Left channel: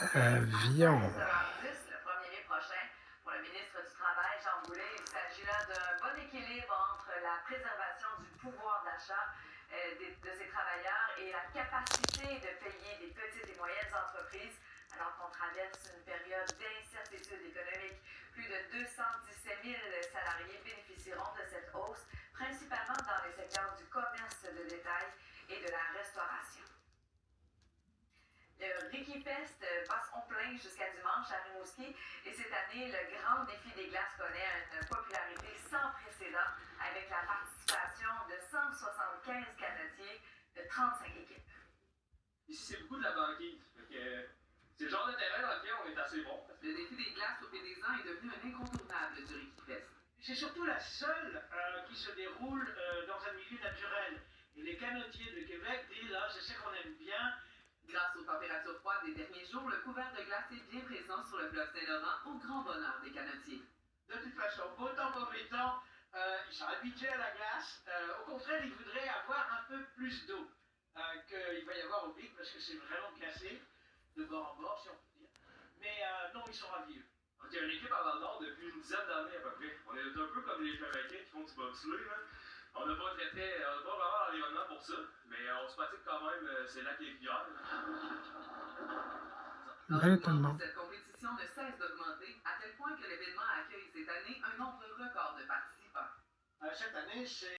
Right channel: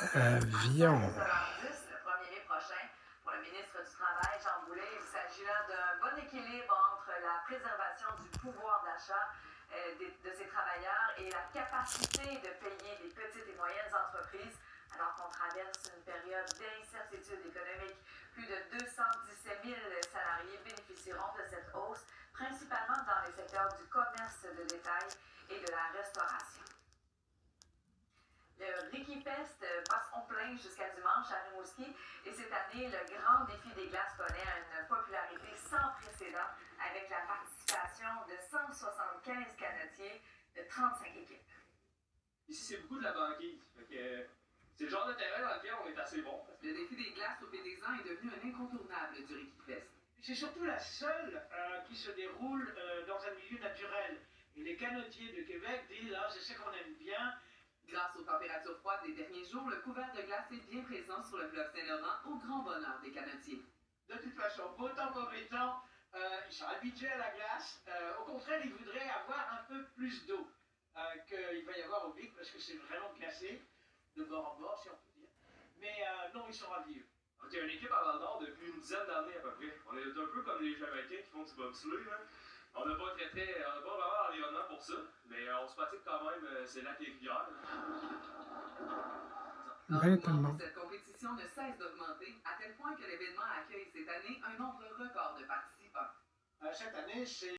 Avion. Le 1er mai prochain, pour le ministre du Travail, Jean Boulet, il s'agit là d'un bon équilibre entre la préservation du pouvoir d'achat de ces travailleurs et la capacité de payer des petites et moyennes entreprises alors qu'on traverse une période d'incertitude économique. Plus de 217 000 salariés bénéficieront de cette hausse, principalement dans les secteurs du commerce de détail et de la restauration. Le Ricky Fest bat son plein jusqu'à dimanche à Rimouski et cette année, le grand défi des glaces connaît une popularité sans précédent avec la participation de 175 canotiers de 35 équipes. Ici, c'est beaucoup de la banquise. C'est le genre de terrain dans lequel on est assez bon. Le défi des glaces au Pédésan est devenu un incontournable du Ricky Fest. C'est surtout la seule qui se déroule dans un milieu naturel. Et les canotiers de Québec disent, là, c'est ce qu'on aime bien. Grâce aux températures froides des derniers jours, le couvert de glace est bien présent sur le fleuve Saint-Laurent, au grand bonheur des canotiers. De toute façon, beau temps, mauvais temps, ils sont habitués à la glace. Au contraire, ils voudraient avoir un peu plus d'eau qu'il va y avoir au pic, parce que c'est vraiment glacé, de bord en bord, si on peut dire. Mais non, ils sont ravis. Il y a une équipe à Val-d'Or depuis une dizaine d'années à peu près. On est un peu comme les Jamaïcains qui font du bobsleigh. On n'a pas vraiment l'environnement pour ça, mais on se pratique quand même, c'est lacs et rivières. Maintenant. Cette compétition ne cesse d'augmenter, à tel point que l'événement accueille cette année un nombre record de participants. Cette année, c'est